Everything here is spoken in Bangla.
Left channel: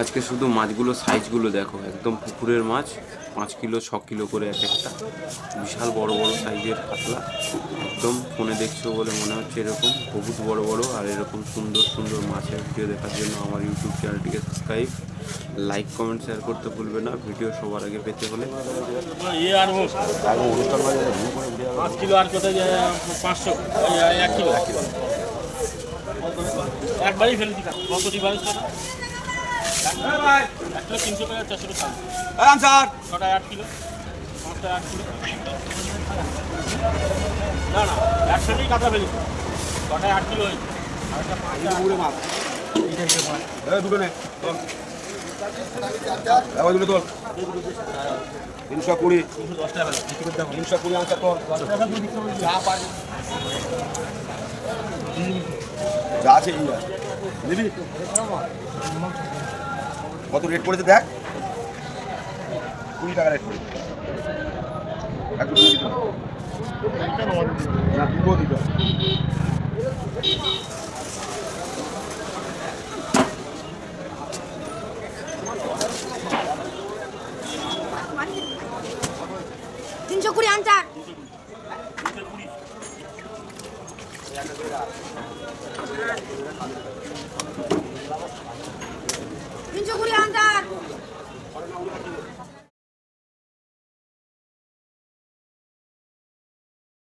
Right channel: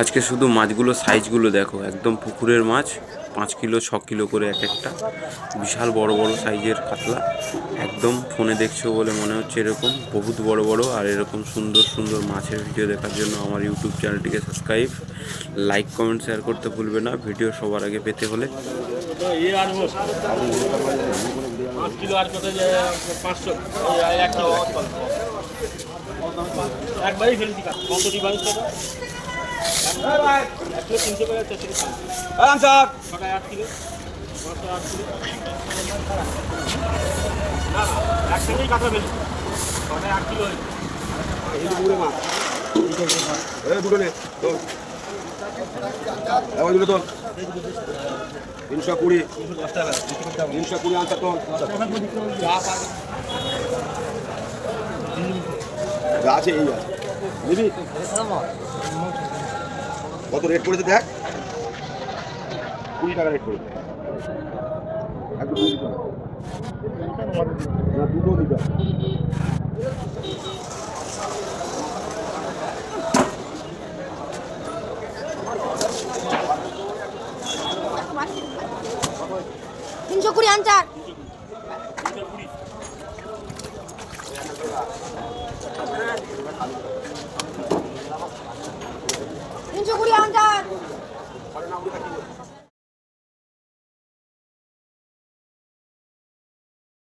আজকে শুধু মাছগুলো সাইজগুলো দেখো, একদম পুকুরের মাছ, 5 কিলো 6 কিলো করে এক একটা, বিশাল বড় বড় সাইজের কাতলা। একদম ফোনে দেখছো বলে মনে হচ্ছে এরকম বহুত বড় বড়। আর এরকম সুন্দর সুন্দর মাছের ভিডিও দেখার জন্য আমার ইউটিউব চ্যানেলটিকে সাবস্ক্রাইব, লাইক, কমেন্ট, শেয়ার করতে ভুলবে না ভিডিও সবার আগে পেতে হলে। একবারই ফেলেছি একসাথেই কাটা ফেলেছি, ছটায় 8 কিলো হয়েছে। দুটো নে দুটো তোর 320 320 আনসার তো যা আছে এই আছে নিবি। কত রেট পড়েছে দেখ, 20 টাকা রেট পড়েছে। না দুটো দিতে তিনশো কুড়ি আনচার।